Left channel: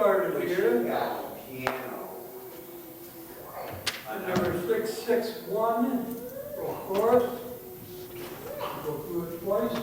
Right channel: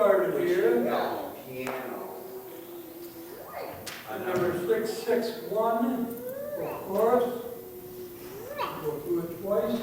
started We here. should have a piano. And number 661 for chorus. Go through it twice.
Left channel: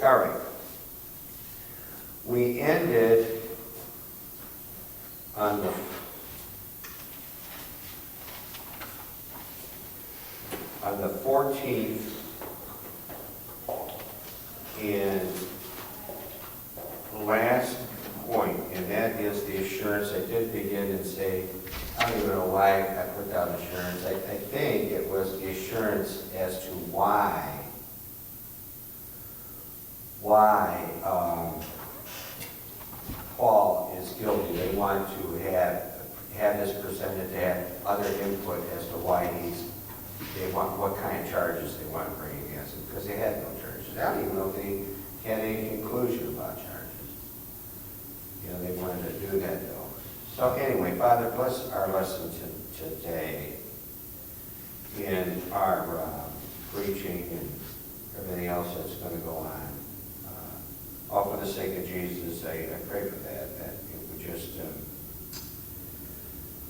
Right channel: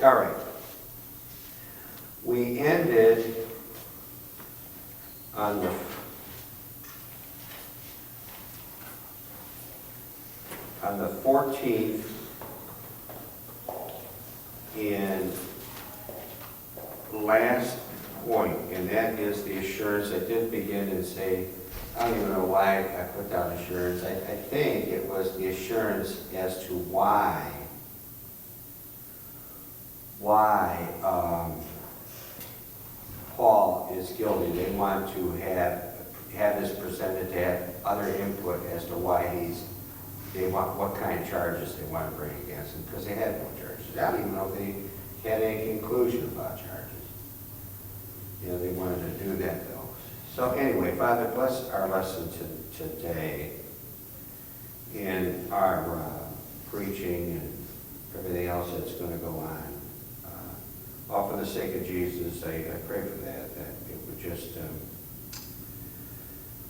All right. We ended on the 14th and last point, and that is the assurance. I did begin and say, I don't even know why I put down assurance. I think it was the assurance as to why Paul is guilty. They want to have this presented to have other input as to why what kind of charges they want to bring against him, because they had no charges. I don't even know if they had any conclusion about charges. You know, they wanted to do that though. So anyway, Father, bless our lesson today and our preaching and everything else that's going to go on. All for the sake of Jesus, I pray for that it would just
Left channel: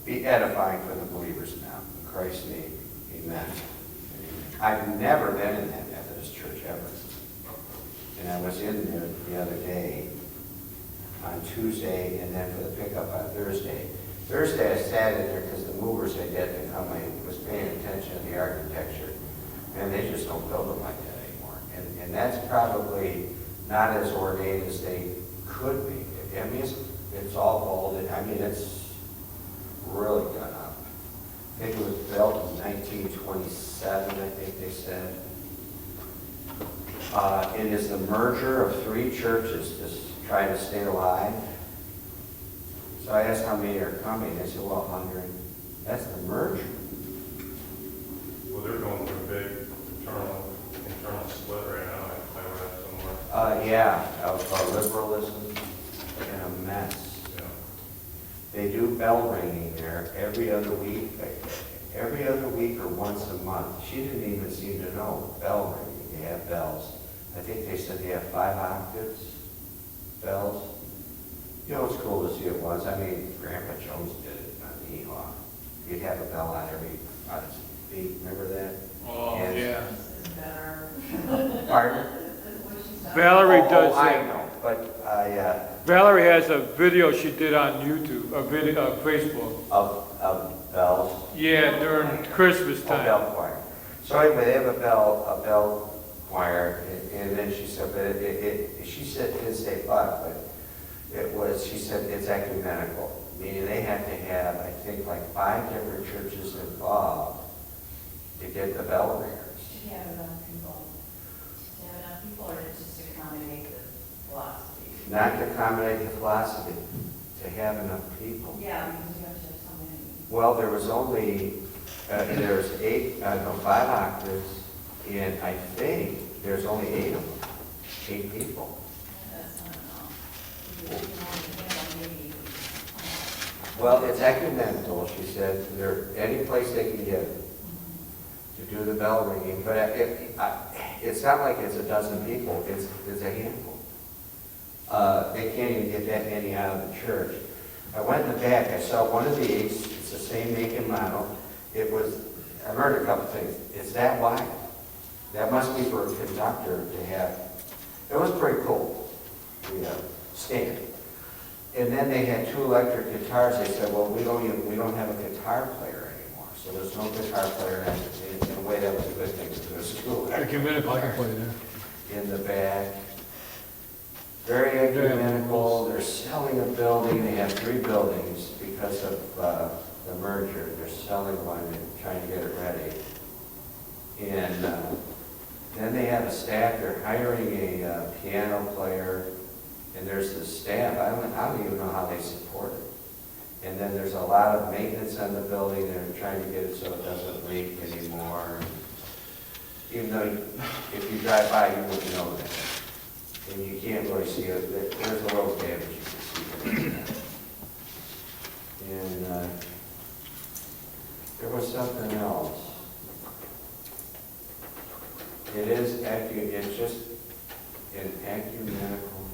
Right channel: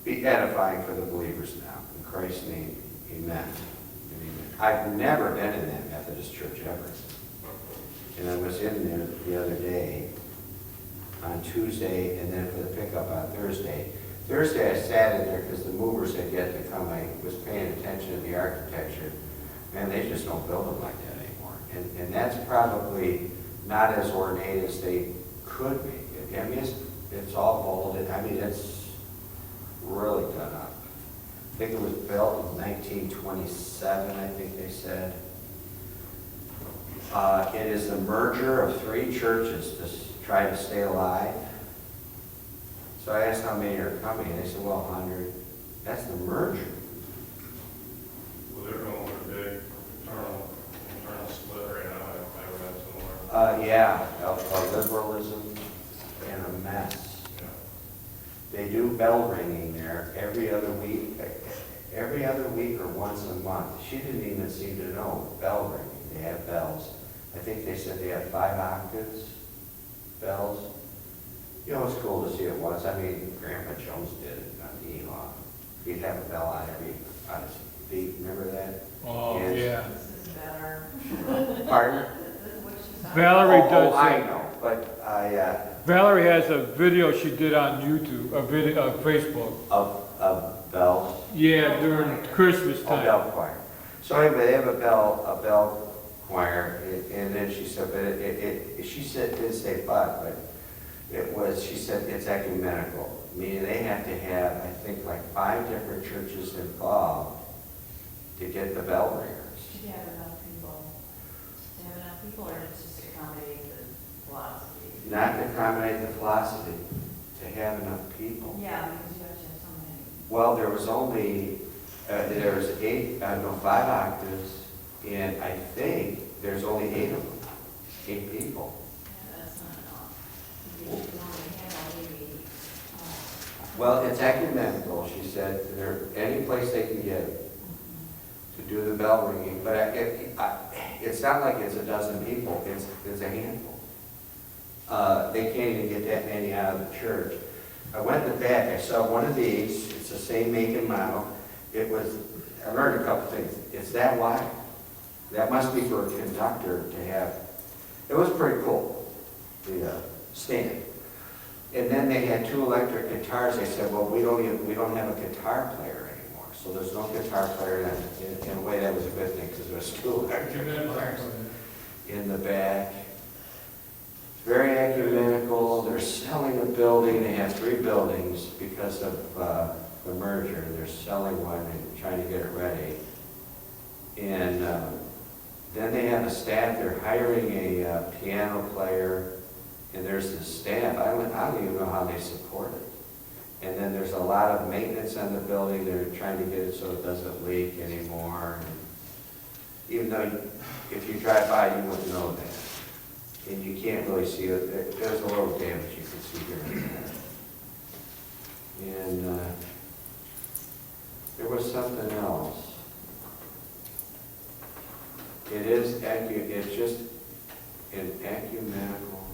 be edifying for the believers now. In Christ's name, amen. I've never been in that Methodist church ever. And I was in there the other day on Tuesday and then for the pickup on Thursday. Thursday I sat in there because the movers had yet to come. I was paying attention to the architecture. Man, they just don't build them like that anymore. And that's probably not as ornate as they could be. I mean, it's all vaulted. I mean, it's really done up. I think it was built in 1927, I think they said. It is the merger of three churches to try to stay alive. So I asked how many are coming. They said, well, 100. That's the merger. Well, they're going with a big internal split right now. I read somewhere. Yeah, of liberalism and a mess. Yeah. They do bell ringing there every other week or once a month. She didn't even seem to know bell ringing. They have bells. I think they said they have 5 octaves bells. You know, it's cool to see it once. I mean, Grandpa Jones did it on the Ehaw. He'd have a bell on his feet. Remember that? Oh, And- yeah. Pardon? Valerie does I that. know, but Valerie has a video she did on YouTube, Facebook. of bells. Yeah, during Christmas Oh, time. bell choir. So anyway, they have a bell choir, and then she said, but she said, didn't say 5, but It was, she said, it's ecumenical, meaning they have to have, I think, like 5 different churches involved to get the bell ringers. To have enough people, or just accommodate the philosophy? Not to accommodate the philosophy, to have enough people. Yeah, because you have to have so many. Well, there was only, there's 5 octaves, and I think there's only 8 of them, 8 people. Yeah, that's not enough. You can only handle maybe. Well, it's ecumenical, she said, there, any place they can get to do the bell ringing, but it's not like it's a dozen people, it's a handful. They can't even get that many out of the church. I went in the back, I saw one of these, it's the same make and model. I learned a couple things. It's that wide. That must be for a conductor to have. It was pretty cool, the stand. And then they had 2 electric guitars. They said, well, we don't have a guitar player anymore. So there's no guitar player. And in a way, that was a good thing, because there's 2 electric Ecumenical, I can guitars play that. in the back. Very ecumenical. They're selling a building. They have 3 buildings because of the merger. They're selling one and trying to get it ready. And then they have a staff. They're hiring a piano player. And there's the staff. I don't even know how they support it. And then there's a lot of maintenance on the building. They're trying to get it so it doesn't leak anymore. Even though if you drive by, you wouldn't know that. And you can't really see it. There's a little damage you can see here and there. And there was something else. It's just an ecumenical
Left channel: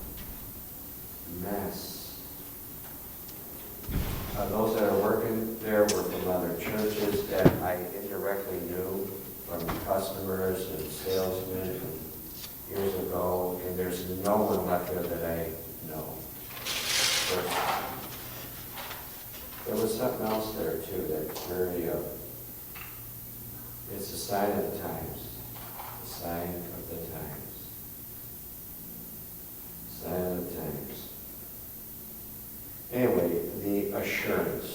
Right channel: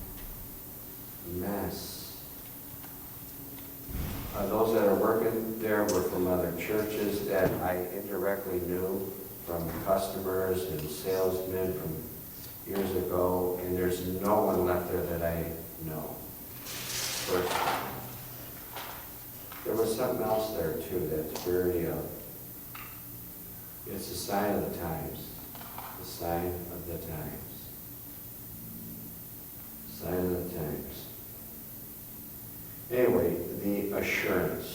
mess. Those that are working there were from other churches that I indirectly knew, from customers and salesmen from years ago, and there's no one left there that I know personally. There was something else there too that's very, it's a sign of the times. The sign of the times. Sign of the times. Anyway, the assurance.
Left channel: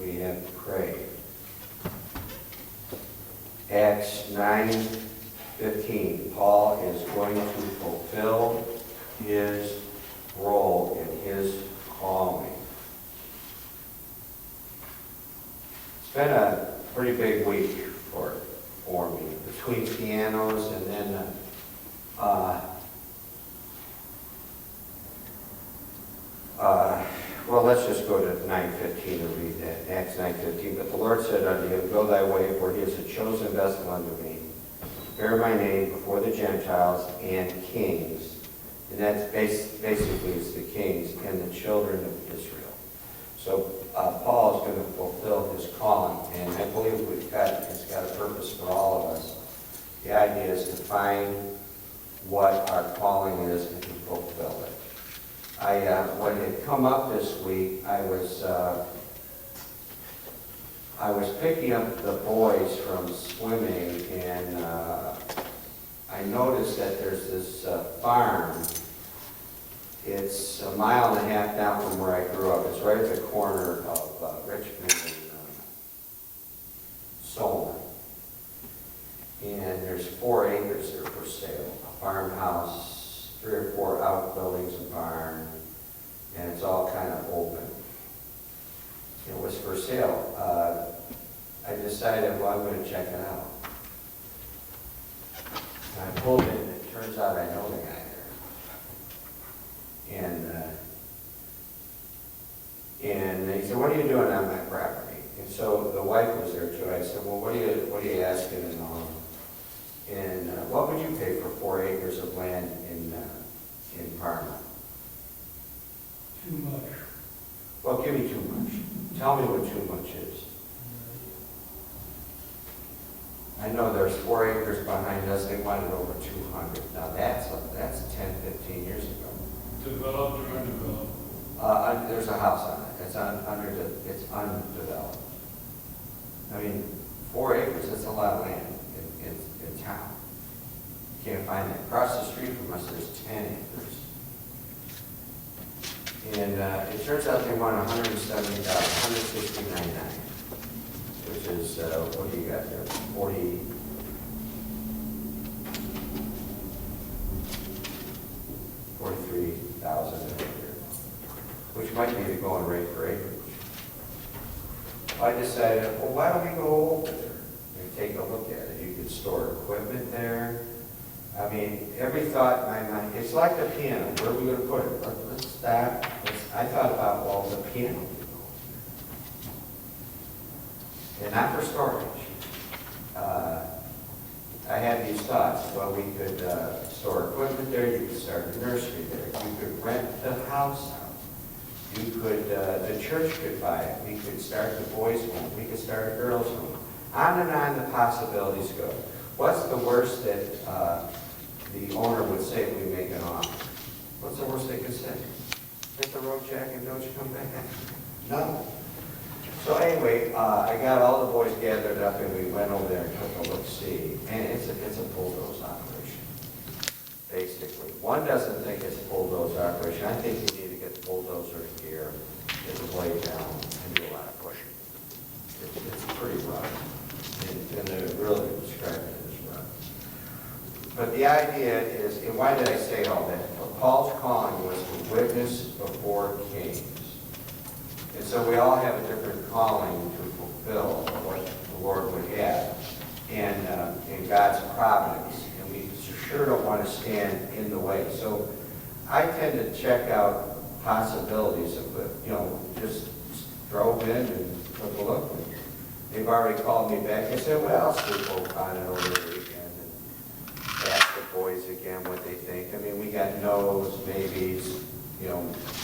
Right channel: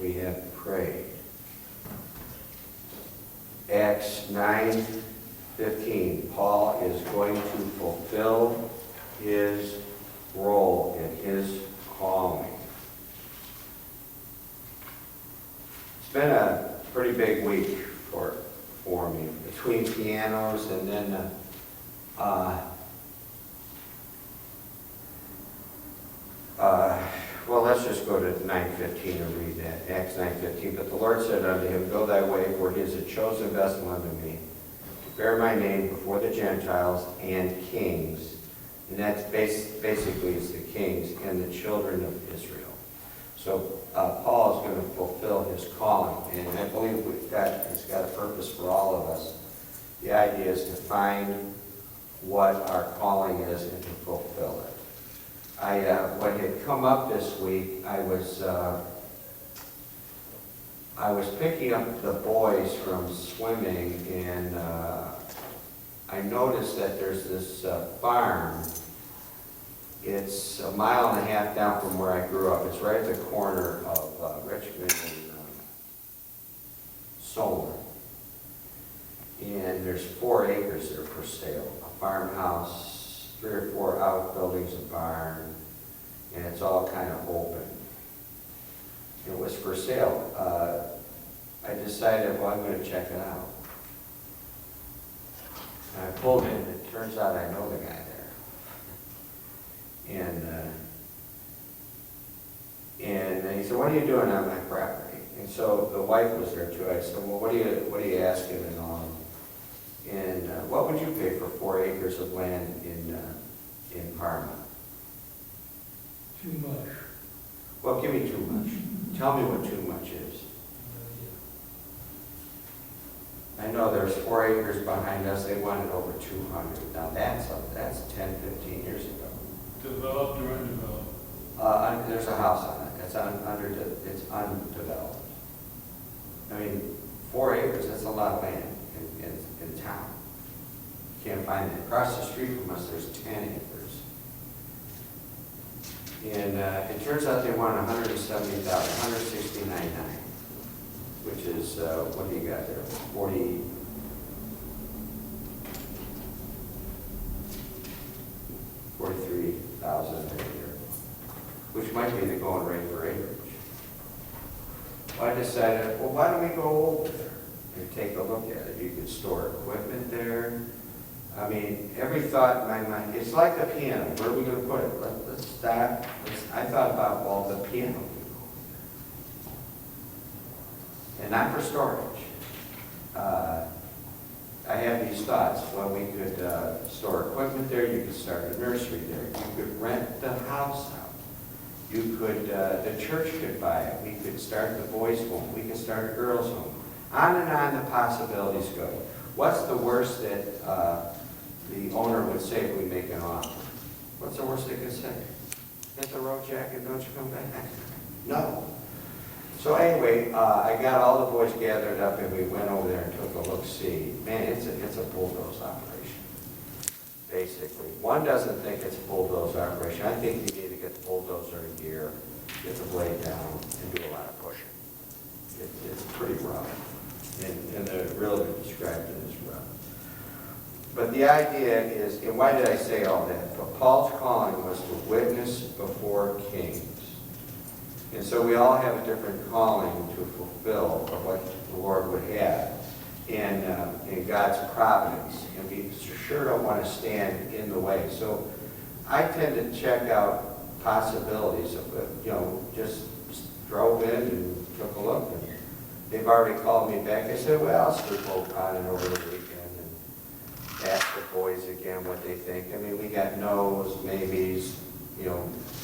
We have prayed. Acts 9:15. Paul is going to fulfill his role in his calling. It's been a pretty big week for me, between pianos and then well, let's just go to 9:15 and read that, Acts 9:15. But the Lord said unto him, Go thy way, for he is a chosen vessel unto me, to bear my name before the Gentiles and kings. And that's basically it's the kings and the children of Israel. So Paul is going to fulfill his calling, and I believe it's got a purpose for all of us. The idea is to find what our calling is and to fulfill it. What had come up this week, I was picking up the boys from swimming, and I noticed that there's this farm. It's a mile and a half down from where I grew up. It's right at the corner of Richmond and Solon. And there's 4 acres there for sale. A farmhouse, 3 or 4 outbuildings, a barn, and it's all kind of open. It was for sale. I decided, well, I'm going to check it out. And I pulled in, and it turns out I know the guy there. And he said, what are you doing on my property? And so the wife was there too. I said, well, what are you asking and all? And what would you pay for 4 acres of land in Parma? Too much. Well, give me too much. Tell me what too much is. I know there's 4 acres behind us. They wanted over 200. Now that's 10, 15 years ago. Developed or undeveloped? There's a house on it. It's undeveloped. I mean, 4 acres, that's a lot of land in town. You can't find that. Across the street from us, there's 10 acres. And it turns out they won $170,000, $169,900, which is, what do you got there? 43,000 an acre, which might be the going rate for acreage. I decided, well, why don't we go over there and take a look at it? You could store equipment there. I mean, every thought in my mind, it's like the piano. Where are we going to put it? Let's stop. I thought about, well, the piano could go over there. And not for storage. I had these thoughts. Well, we could store equipment there. You could start a nursery there. You could rent the house out. You could, the church could buy it. We could start the boys' home. We could start a girls' home. On and on the possibilities go. What's the worst that the owner would say if we make an offer? What's the worst they could say? Hit the road, Jack, and don't you come back? No. So anyway, I got all the boys gathered up and we went over there and took a look-see. And it's a bulldoze operation, basically. One doesn't think it's a bulldoze operation. I think you need to get the bulldozer in gear, get the blade down, and do a lot of pushing. It's pretty rough. And the realtor described it as rough. But the idea is, and why did I say all that? Paul's calling was to witness before kings. And so we all have a different calling to fulfill of what the Lord would have in God's providence. And we sure don't want to stand in the way. So I tend to check out possibilities of, just drove in and took a look. And they've already called me back. I said, well, I'll sleep on it over the weekend and ask the boys again what they think. I mean, we got no's, maybes,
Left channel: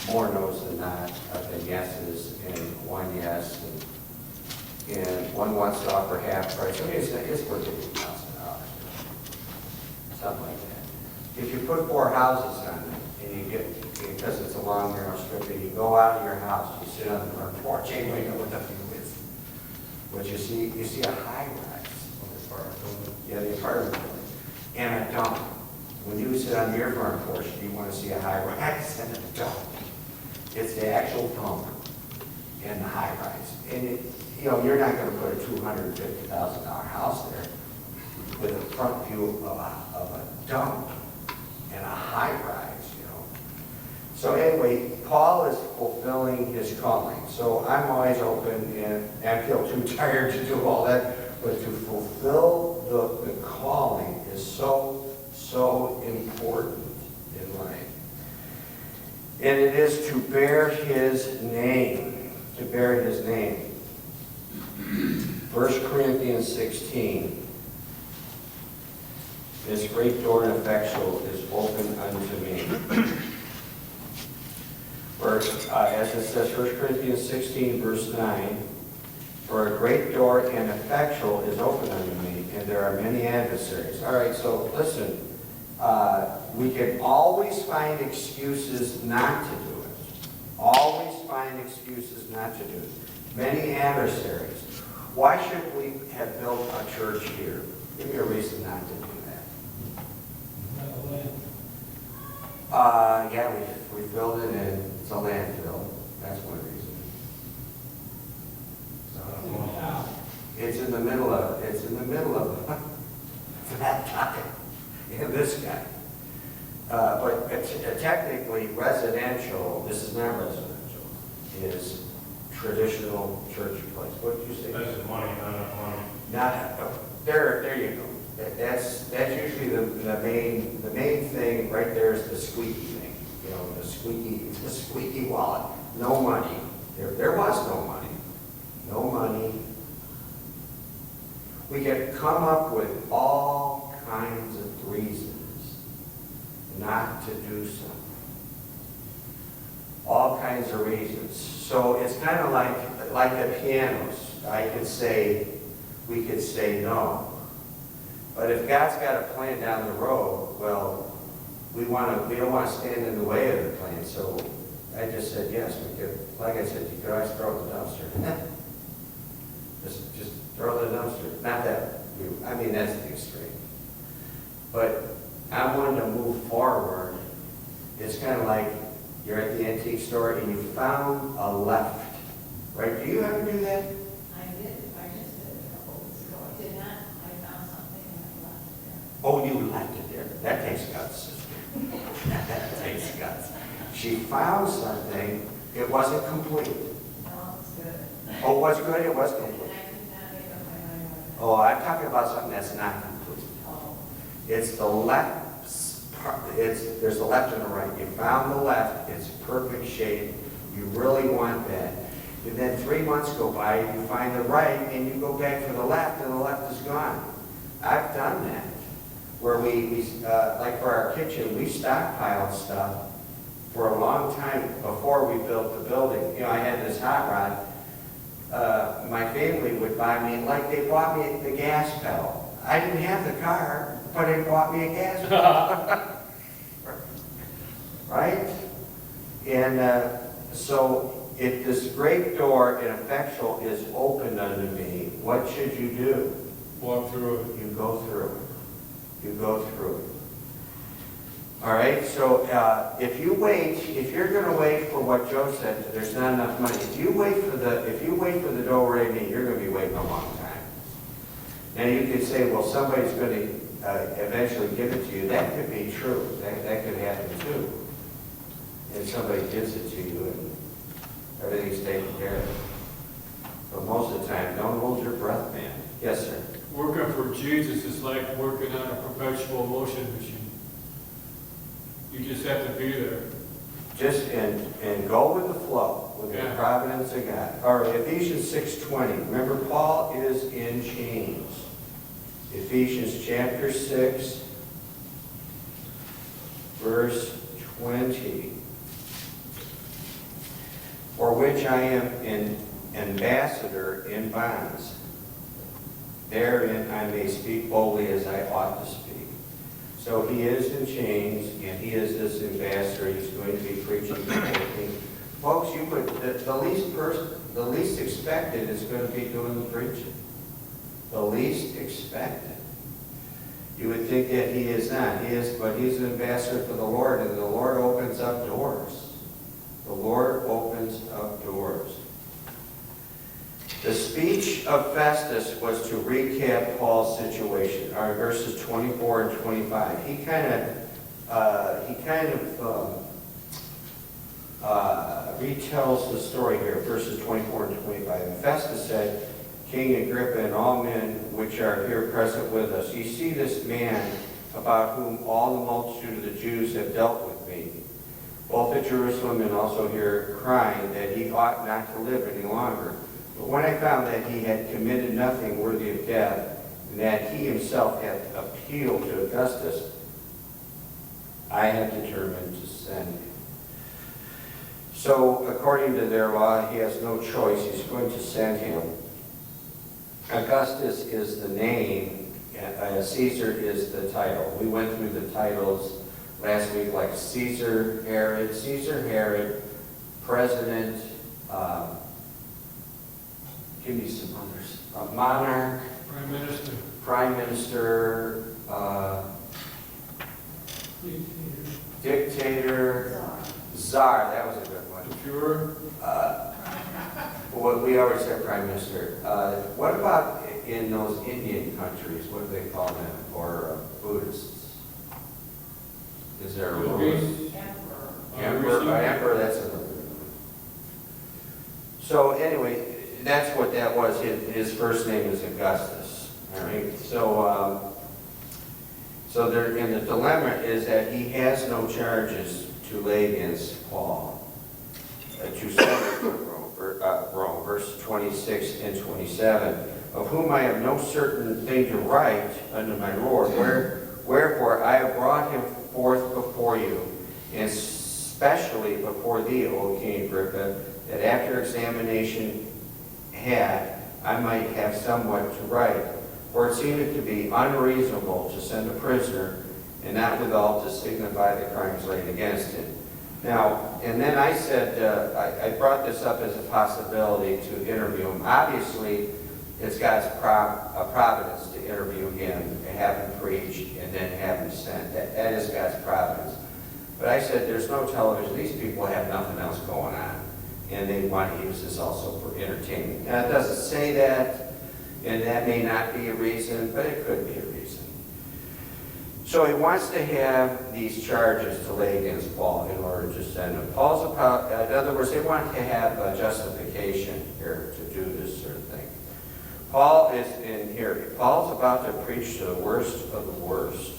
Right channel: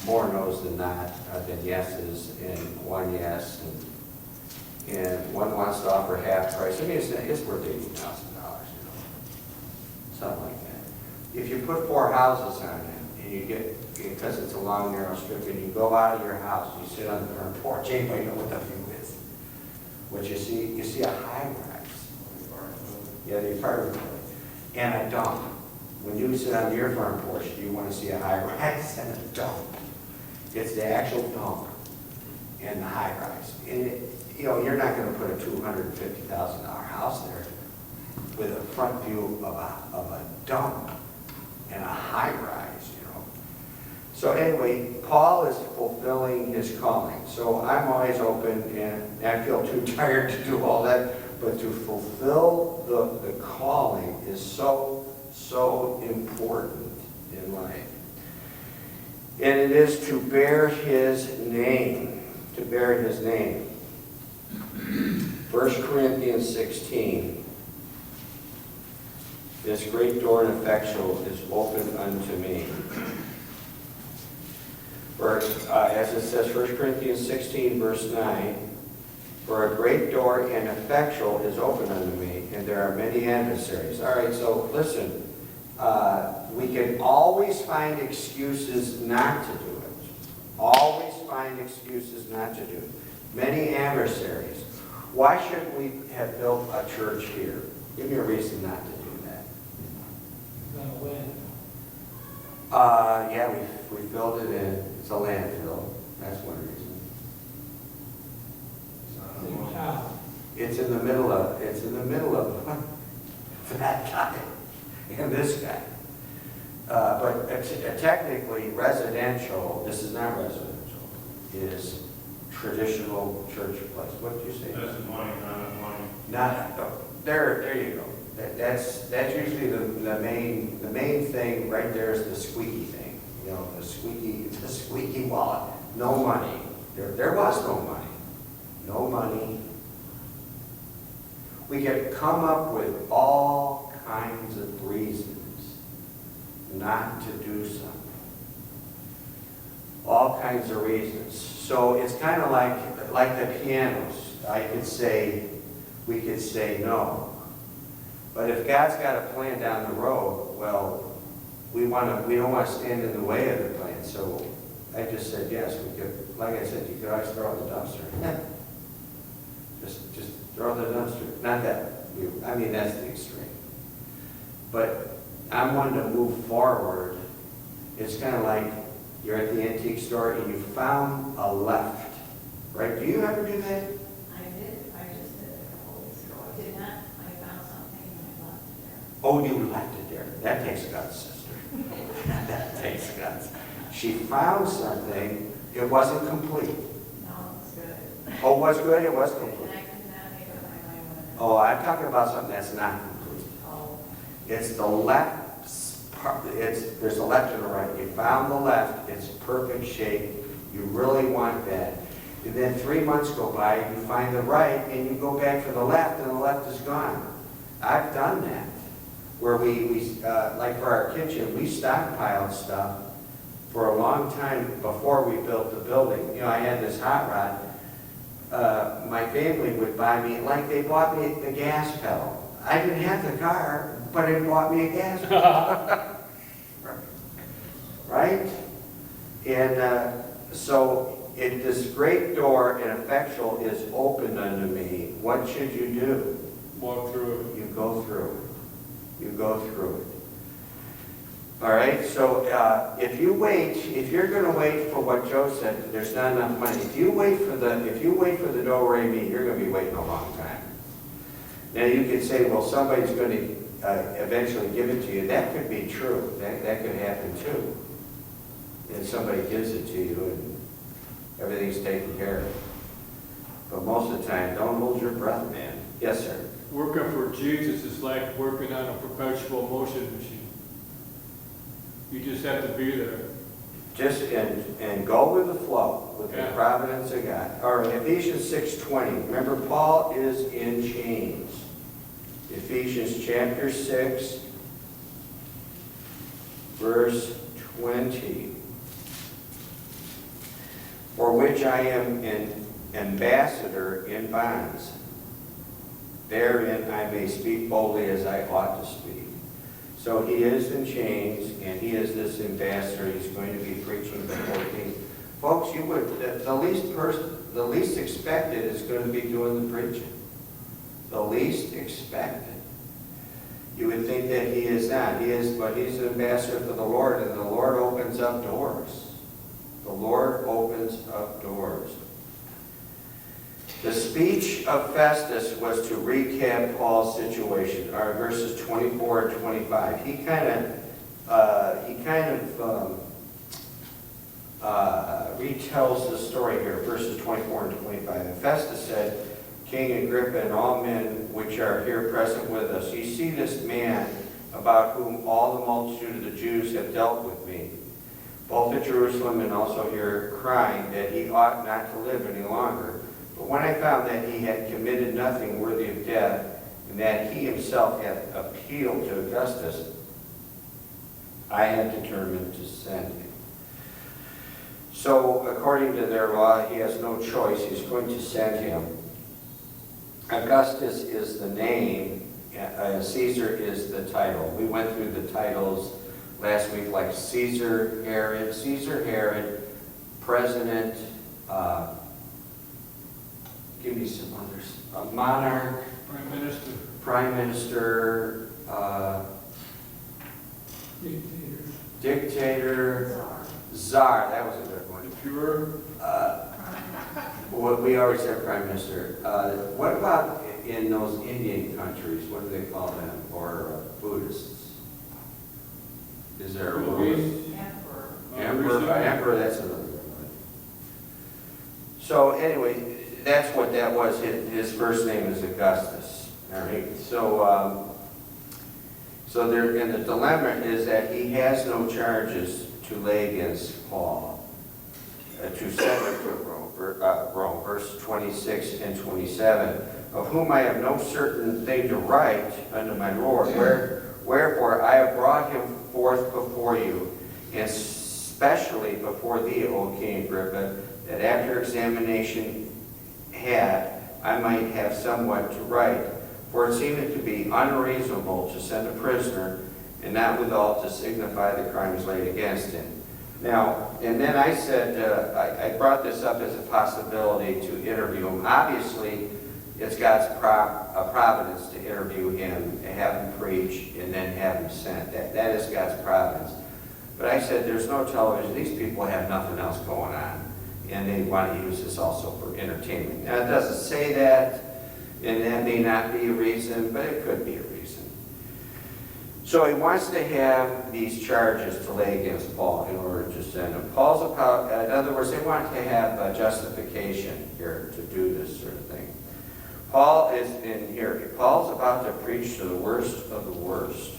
more no's than not, than yeses, and one yes, and one wants to offer half price. I mean, it's worth $80,000, something like that. If you put 4 houses on it, and you get, because it's a long, narrow strip, and you go out of your house, you sit on the front porch, anybody know what the view is? What you see a high-rise. Yeah, the apartment building. And a dump. When you sit on your front porch, you want to see a high-rise and a dump. It's the actual dump and the high-rise. And you're not going to put a $250,000 house there with a front view of a dump and a high-rise, So anyway, Paul is fulfilling his calling. So I'm always open, and I feel too tired to do all that, but to fulfill the calling is so important in life. And it is to bear his name, to bear his name. 1 Corinthians 16, this great door and effectual is open unto me. For, as it says, 1 Corinthians 16, verse 9, for a great door and effectual is open unto me, and there are many adversaries. All right, so listen, we can always find excuses not to do it. Always find excuses not to do it. Many adversaries. Why should we have built a church here? Give me a reason not to do that. Yeah, we built it in, it's a landfill. That's one reason. It's in the middle of that guy and this guy. But technically residential, this is not residential, is traditional church place. What did you say? That's money, not enough money. There you go. That's usually the main thing right there is the squeaky thing. The squeaky wallet. No money. There was no money. No money. We could come up with all kinds of reasons not to do something. All kinds of reasons. So it's kind of like the pianos. We could say no. But if God's got a plan down the road, well, we don't want to stand in the way of the plan. So I just said yes. We could, like I said, you could always throw it in the dumpster. just throw it in the dumpster. Not that that's the extreme. But I'm wanting to move forward. It's kind of like you're at the antique store and you found a left, right? Do you ever do that? I just did it a couple weeks ago. I did not, I found something and I left it there. Oh, you left it there. That takes guts, sister. That takes guts. She found something, it wasn't complete. No, it was good. Oh, it was good? It was And complete. I could not make up my mind on it. Oh, I'm talking about something that's not complete. Oh, It's the left part, there's the left and the right. You found the left, it's perfect shape, you really want that. And then 3 months go by, you find the right, and you go back for the left, and the left is gone. I've done that. Where like for our kitchen, we stockpiled stuff for a long time before we built the building. You know, I had this hot rod. My family would buy me, like they bought me the gas pedal. I didn't have the car, but it bought me a gas pedal. Right? And so if this great door and effectual is opened unto me, what should you do? Walk through it. You go through it. You go through it. All right, so if you're going to wait for what Joe said, there's not enough money. If you wait for the do-re-mi, you're going to be waiting a long time. Now you could say, well, somebody's going to eventually give it to you. That could be true. That could happen too. And somebody gives it to you and everything's taken care of. But most of the time, don't hold your breath, man. Yes, sir. Working for Jesus is like working on a perpetual motion machine. You just have to be there. Just and go with the flow, with the Yeah. providence of God. All right, Ephesians 6:20. Remember, Paul is in chains. Ephesians chapter 6, verse 20. For which I am an ambassador in bonds. Therein I may speak boldly as I ought to speak. So he is in chains, and he is this ambassador. He's going to be preaching before King. Folks, the least expected is going to be doing the preaching. The least expected. You would think that he is not. He is, but he's an ambassador for the Lord, and the Lord opens up doors. The Lord opens up doors. The speech of Festus was to recap Paul's situation. All right, verses 24 and 25. He kind of retells the story here, verses 24 and 25. And Festus said, King Agrippa and all men which are here present with us, ye see this man about whom all the multitude of the Jews have dealt with me, both at Jerusalem and also here, crying that he ought not to live any longer. But when I found that he had committed nothing worthy of death, and that he himself had appealed to Augustus, I had determined to send him. So, according to their law, he has no choice. He's going to send him. Augustus is the name, Caesar is the title. We went through the titles last week, like Caesar Herod, President, give me some others. A monarch, Prime Minister, Dictator, Czar. That was a good one. We always said Prime Minister. What about in those Indian countries? What do they call them? Or Buddhists? Is there a rule? Emperor, that's another good one. So anyway, that's what that was. His first name is Augustus. All right. So there, and the dilemma is that he has no charges to lay against Paul, to send him to Rome. Verse 26 and 27. Of whom I have no certain thing to write unto my Lord. Wherefore I have brought him forth before you, and especially before thee, O King Agrippa, that after examination I might have somewhat to write. For it seemed to be unreasonable to send a prisoner, and not withal to signify the crimes laid against him. Now, and then I said, I brought this up as a possibility to interview him. Obviously, it's God's providence to interview him, and have him preach, and then have him sent. That is God's providence. But I said, there's no television, these people have nothing else going on, and they want to use this also for entertainment. Now, it doesn't say that, and that may not be a reason, but it could be a reason. So he wants to have these charges to lay against Paul in order to send him. In other words, they want to have a justification here to do this sort of thing. Paul is in here. Paul's about to preach to the worst of the worst.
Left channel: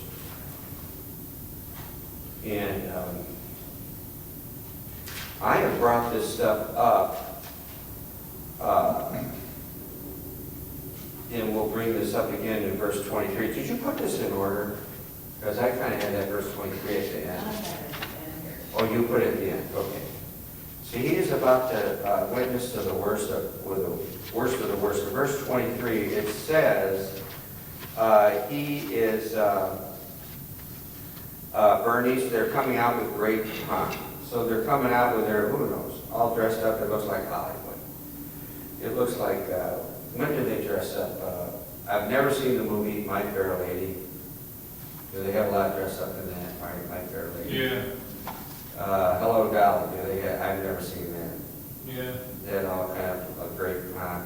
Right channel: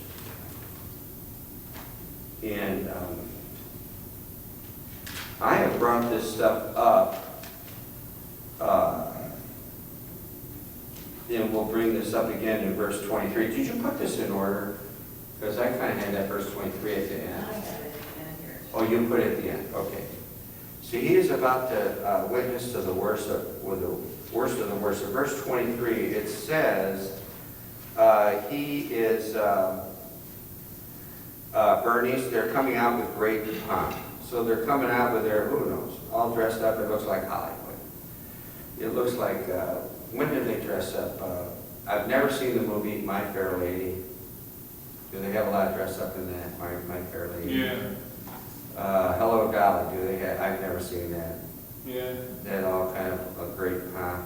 And I have brought this stuff up, and we'll bring this up again in verse 23. Did you put this in order? Because I kind of had that verse 23 at the I end. have it in here. Oh, you put it at the end, okay. See, he is about to witness to the worst of, with the worst of the worst. In verse 23, it says, he is, Bernice, they're coming out with great pomp. So they're coming out with their, who knows, all dressed up. It looks like Hollywood. It looks like, when did they dress up? I've never seen the movie My Fair Lady. Do they have a lot of dress up in that, My Fair Lady? Yeah, Hello Dolly, do they have, I've never seen that. yeah. That all kind of a great pomp.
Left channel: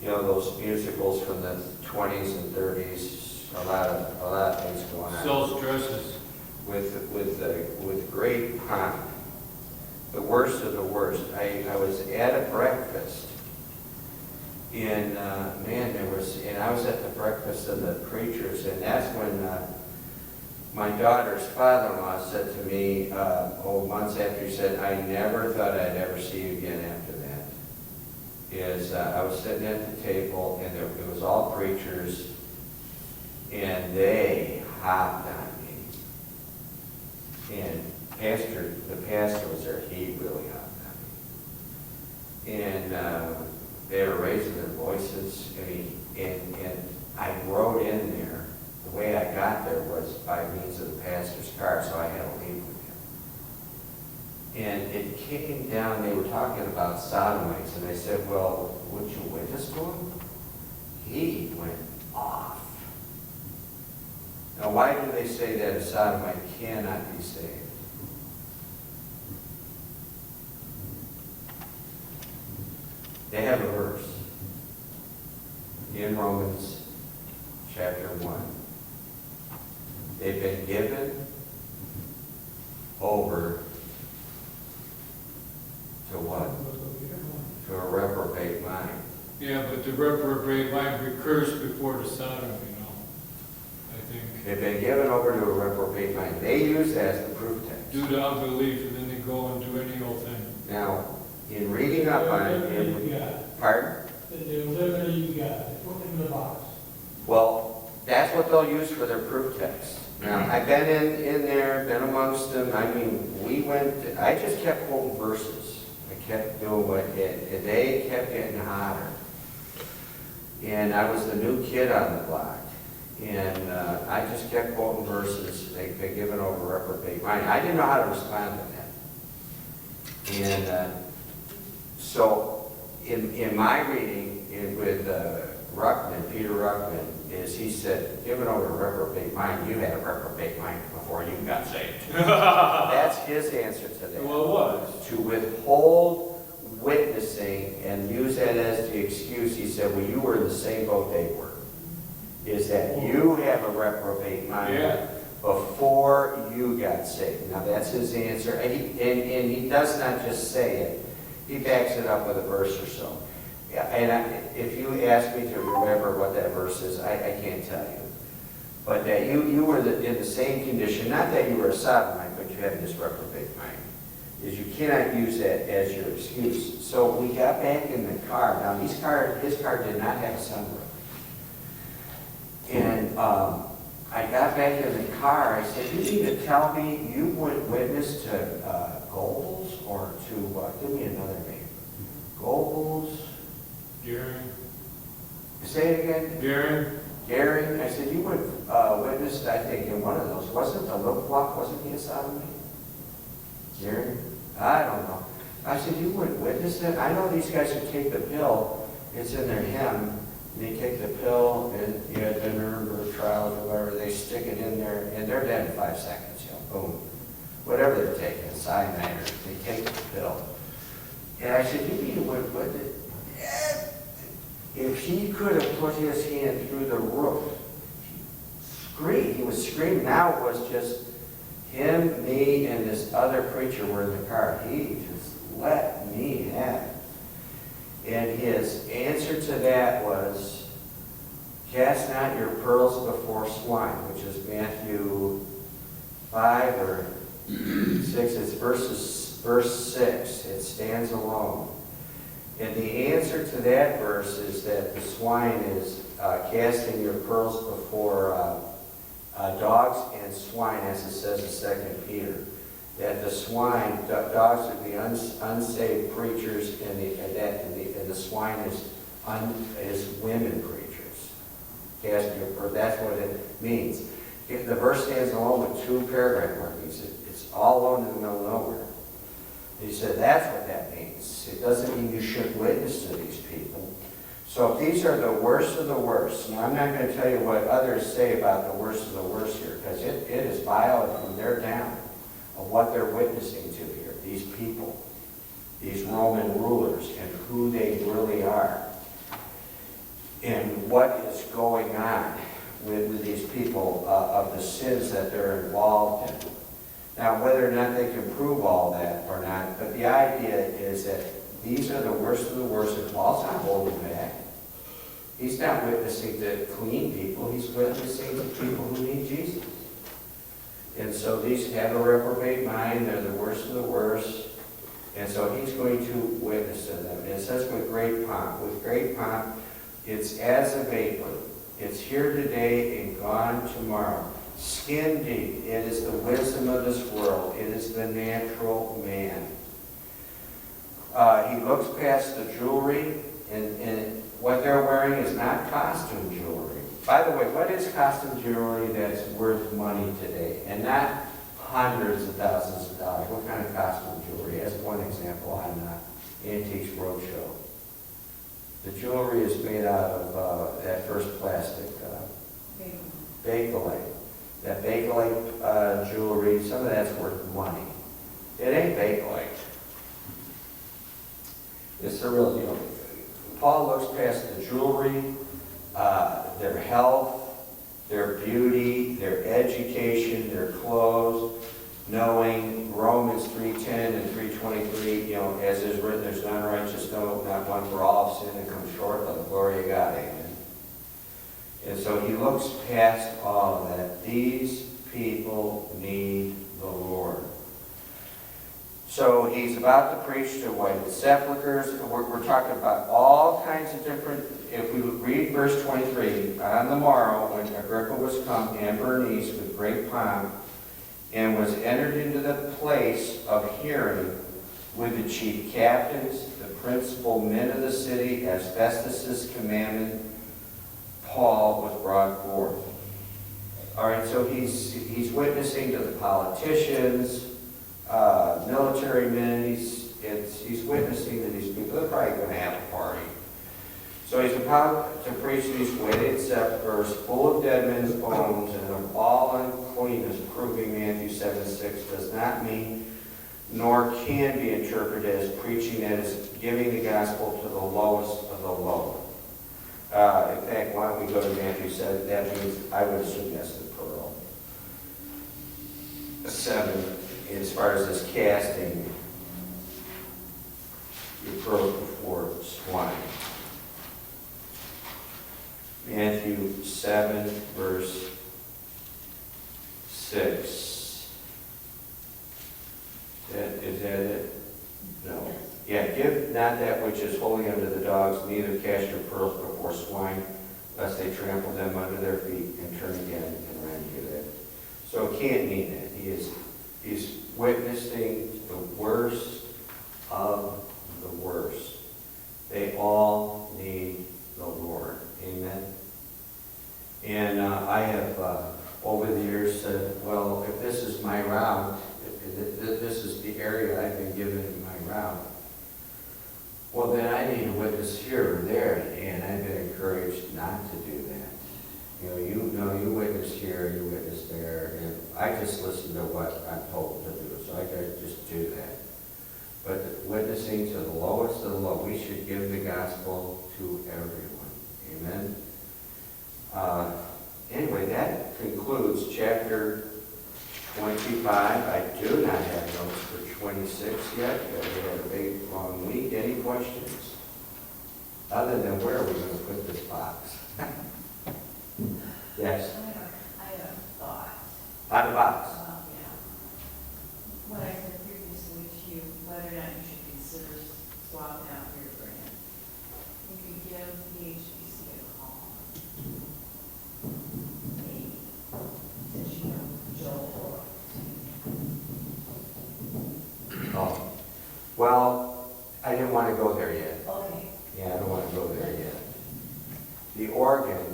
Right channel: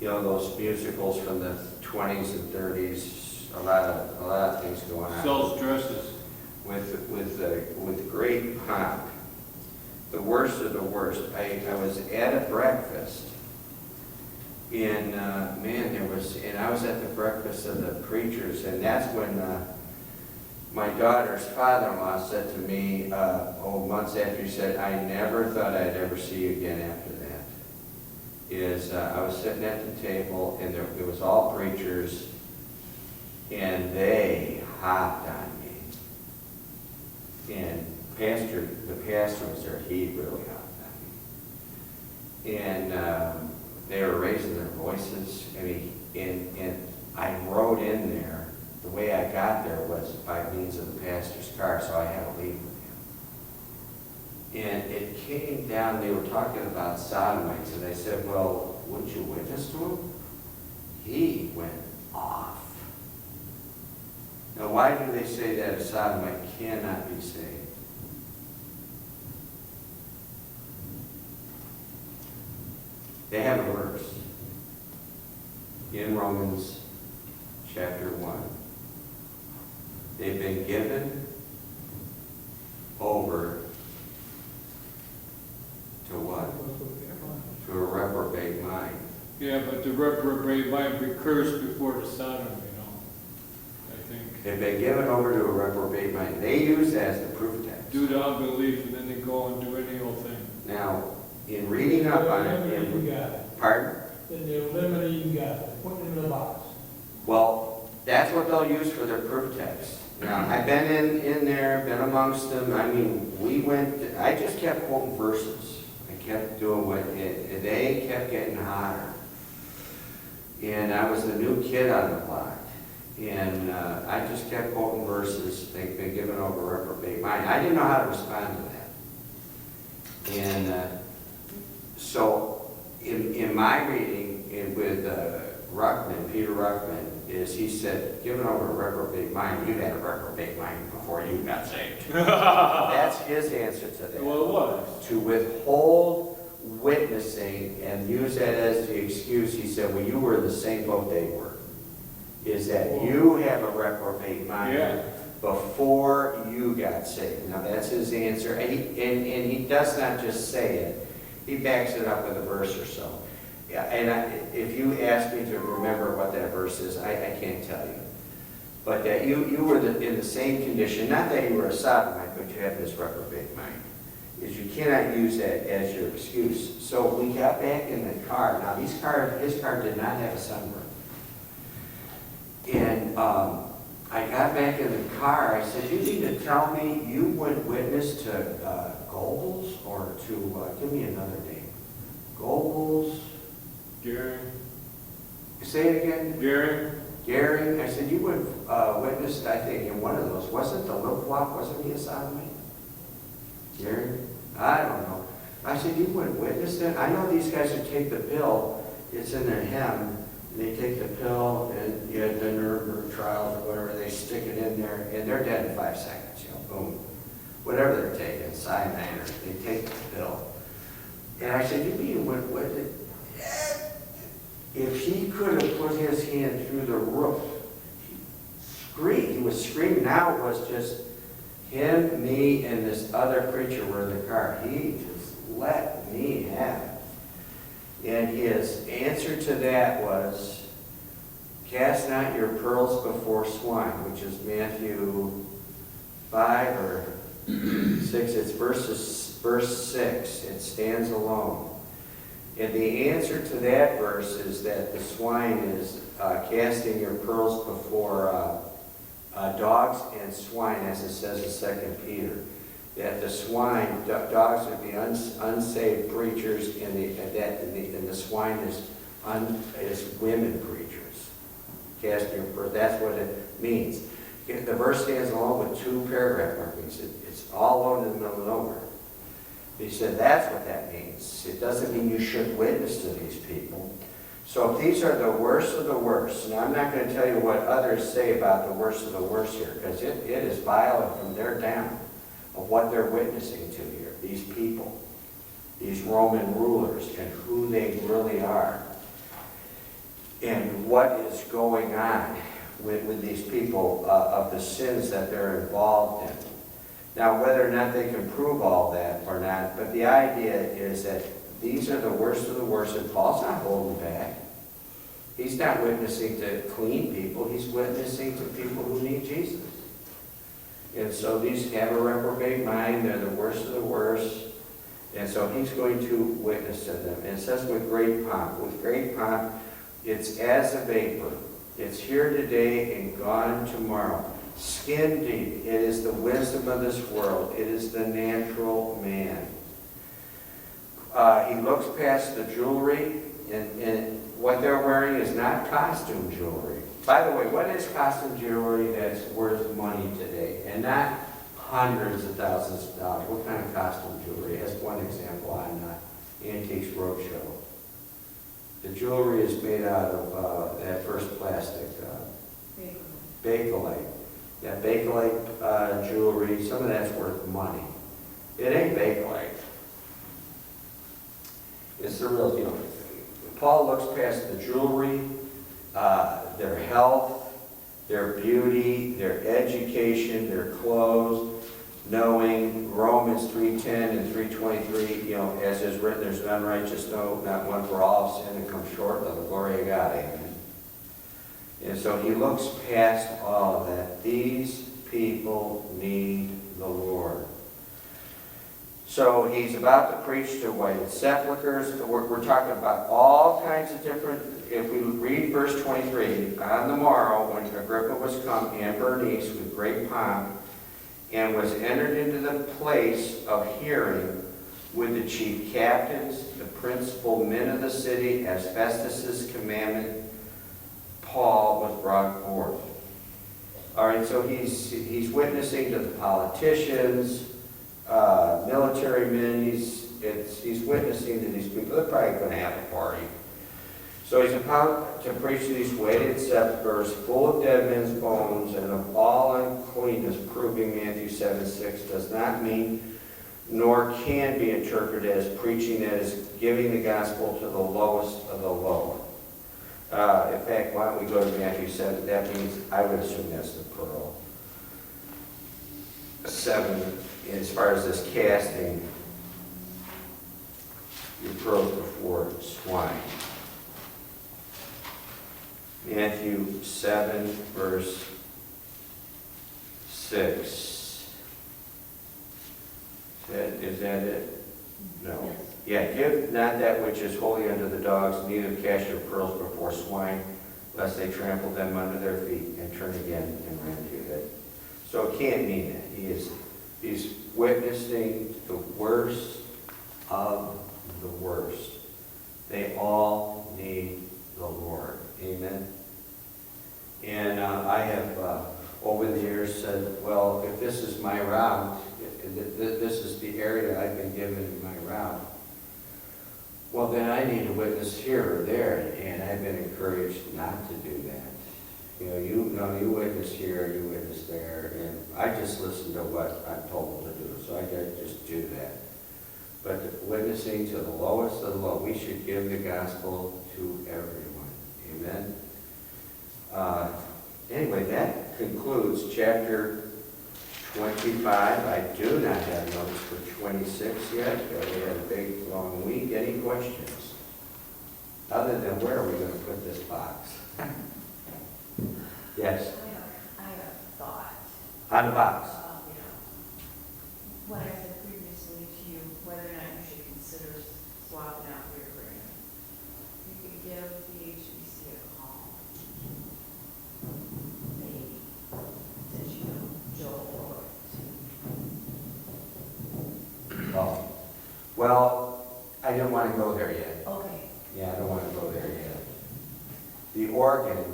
You know, those musicals from the 20s and 30s, a lot of things going on. Sells dresses. With great pomp. The worst of the worst. I was at a breakfast, and man, I was at the breakfast of the preachers, and that's when my daughter's father-in-law said to me, months after, he said, I never thought I'd ever see you again after that. I was sitting at the table, and it was all preachers, and they hopped on me. And the pastor was there, he really hopped on me. And they were raising their voices, and I rode in there. The way I got there was by means of the pastor's car, so I had to leave with him. And it came down, they were talking about sodomites, and I said, well, wouldn't you witness to him? He went off. Now, why do they say that a sodomite cannot be saved? They have a verse in Romans chapter 1. They've been given over to what? To a reprobate mind. Yeah, but the reprobate might be cursed before the Sodom, I think. They've been given over to a reprobate mind. They use that as the proof text. Due to unbelief, and then they go and do any old thing. Now, in reading up on You it, got it. pardon? Then they're limited, you got it. Put it in the box. Well, that's what they'll use for their proof text. Now, I've been in there, been amongst them. I mean, I just kept quoting verses. I kept doing they kept getting hotter. And I was the new kid on the block. And I just kept quoting verses. They've been given over reprobate mind. I didn't know how to respond to that. And so in my reading with Peter Ruckman, is he said, given over a reprobate mind, you had a reprobate mind before you got saved. That's his answer to that. Well, it was. To withhold witnessing and use that as the excuse, he said, well, you were in the same boat they were. Is that you have a reprobate mind before you got saved. Now, that's his answer. And he does not just say it. He backs it up with a verse or so. Yeah, and if you ask me to remember what that verse is, I can't tell you. But that you were in the same condition, not that you were a sodomite, but you had this reprobate mind. Is you cannot use that as your excuse. So we got back in the car. Now, his car did not have a sunroof. And I got back in the car. I said, you need to tell me you would witness to Goebbels or to, give me another name. Goebbels. Gary. Say it again. Gary. I said, you would witness, I think, in one of those. Wasn't the Luftwaffe, wasn't he a sodomite? Gary? I don't know. I said, you would witness that? I know these guys who take the pill. It's in their hem. And they take the pill, and you had the Nuremberg trial or whatever. They stick it in there, and they're dead in 5 seconds. Boom. whatever they're taking, cyanide, or they take the pill. And I said, you mean, if he could have put his hand through the roof, he was screaming. Now it was just him, me, and this other preacher were in the car. He just let me have it. And his answer to that was, cast not your pearls before swine, which is Matthew 5 or 6. It's verse 6. It stands alone. And the answer to that verse is that the swine is casting your pearls before dogs and swine, as it says in 2 Peter. That the swine, dogs are the unsaved preachers, and the swine is women preachers. Casting your pearls, that's what it means. The verse stands alone with 2 paragraph markings. It's all alone in the middle of nowhere. He said that's what that means. It doesn't mean you should witness to these people. So if these are the worst of the worst, now I'm not going to tell you what others say about the worst of the worst here, because it is violent from there down of what they're witnessing to here. These people, these Roman rulers, and who they really are, and what is going on with these people, of the sins that they're involved in. Now, whether or not they can prove all that or not, but the idea is that these are the worst of the worst, and Paul's not holding back. He's not witnessing to clean people. He's witnessing to people who need Jesus. And so these have a reprobate mind. They're the worst of the worst. And so he's going to witness to them. And it says with great pomp. With great pomp, it's as a vapor. It's here today and gone tomorrow. Skin deep. It is the wisdom of this world. It is the natural man. He looks past the jewelry, and what they're wearing is not costume jewelry. By the way, what is costume jewelry that's worth money today? And not hundreds of thousands of dollars. What kind of costume jewelry? As one example on Antiques Roadshow. The jewelry is made out of that first plastic, Bakelite. That Bakelite jewelry, some of that's worth money. It ain't Bakelite. It's the real deal. Paul looks past the jewelry, their health, their beauty, their education, their clothes, knowing Romans 3:10 and 3:23, as is written, there's none righteous, no, not one, for all have sinned and come short of the glory of God. Amen. And so he looks past all of that. These people need the Lord. So he's about to preach to whited sepulchres. We're talking about all kinds of different, if we read verse 23, on the morrow when Agrippa was come and Bernice with great pomp, and was entered into the place of hearing with the chief captains, the principal men of the city, as Festus's commandment, Paul was brought forth. All right, so he's witnessing to the politicians, military men. He's witnessing to these people. They're probably going to have a party. So he's about to preach to these whited sepulchres, full of dead men's bones and of all uncleanness, proving Matthew 7:6 does not mean nor can be interpreted as preaching, that is giving the gospel to the lowest of the low. In fact, why don't we go to Matthew 7? That means, I would assume that's the pearl. 7, as far as this casting your pearls before swine. Matthew 7, verse 6. Is that it? No. Yeah, give not that which is holy unto the dogs, neither cast your pearls before swine, lest they trample them under their feet and turn again and rend you. So it can't mean that. He's witnessing the worst of the worst. They all need the Lord. Amen. And I have, over the years, said, well, if this is my route, if this is the area I've been given my route, well, then I need to witness here or there, and I've been encouraged not to do that. You witness here, you witness there, and I just listen to what I'm told to do. so I gotta just do that. But witnessing to the lowest of the low, we should give the gospel to everyone. Amen? Anyway, that concludes chapter 25. I do not have notes for 26 yet. We had a big, long week. Any questions? Other than where are we going to put this box? Yes, I have a thought. on the box. Yeah. What I said previously to you, whether or not you should consider swapping out your grant. You could give the HBC a call. Maybe, since you know Joel. Oh, well, I didn't want to go there yet. Okay. Yeah, I don't want to go there yet. The organ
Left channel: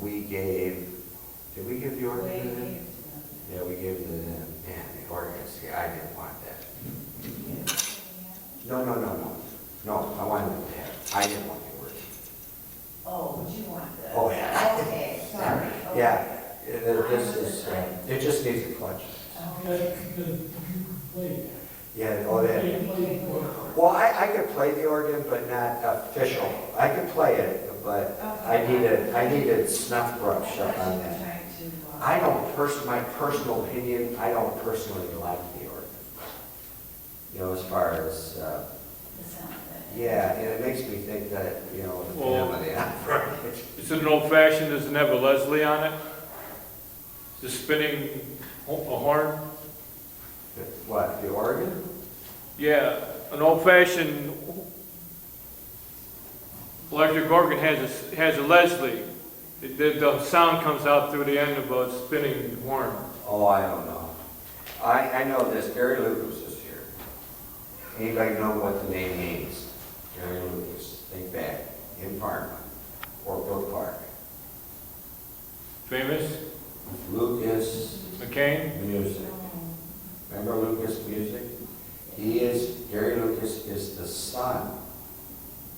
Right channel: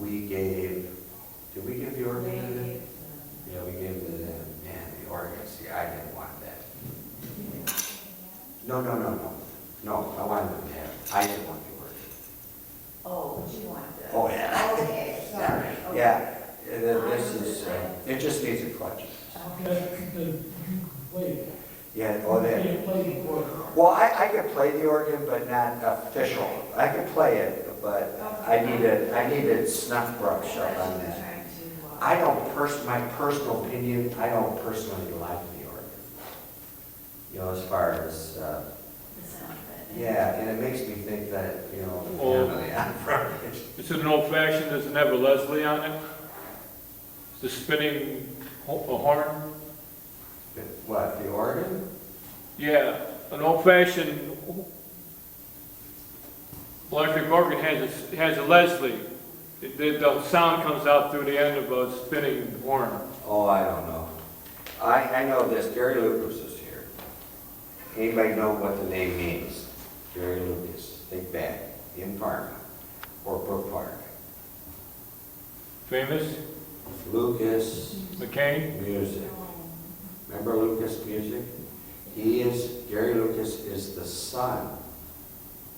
we gave, did we give the organ to them? Yeah, we gave it to them. Man, the organ, see, I didn't want that. No, I wanted them to have it. I didn't want the organ. Oh, but you want the. Oh, yeah. Okay, sorry. Okay. Yeah, this is, it just needs a clutch. Okay. Yeah, oh, that. Well, I could play the organ, but not official. I could play it, but I needed snuff brush up on that. I don't my personal opinion, I don't personally like the organ. You know, as far as, yeah, and it makes me think that, you know, the family opera. It's an old fashioned, doesn't have a Leslie on it? The spinning a horn? What, the organ? Yeah, an old fashioned electric organ has a Leslie. The sound comes out through the end of a spinning horn. Oh, I don't know. I know this, Gary Lucas is here. Anybody know what the name means? Gary Lucas, think back, in Parma, or Brook Park. Famous? Lucas McCain? Music. Remember Lucas Music? Gary Lucas is the son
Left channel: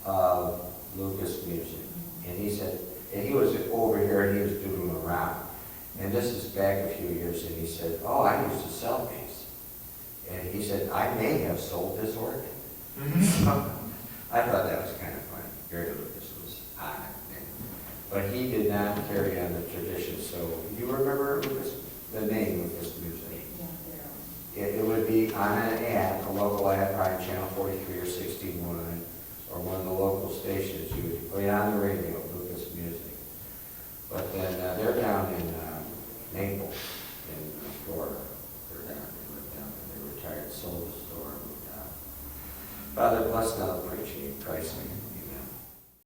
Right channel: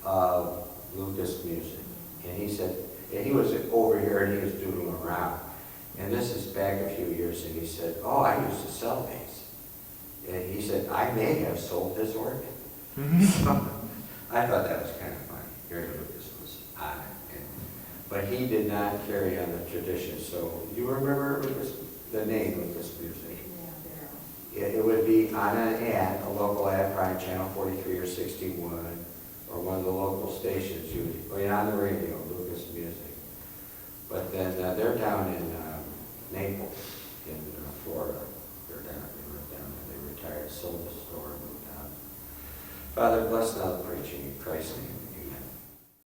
of Lucas Music. And he said, and he was over here and he was doodling around. And this is back a few years, and he said, oh, I used to sell these. And he said, I may have sold this organ. I thought that was kind of funny. Gary Lucas was on it. But he did not carry on the tradition. So you remember the name Lucas Music? It would be on an ad, a local ad, probably Channel 43 or 61, or one of the local stations. You would be on the radio, Lucas Music. But then they're down in Naples, in Florida. They live down there. They retired, sold the store, moved out. Father, bless now the preaching in Christ's name.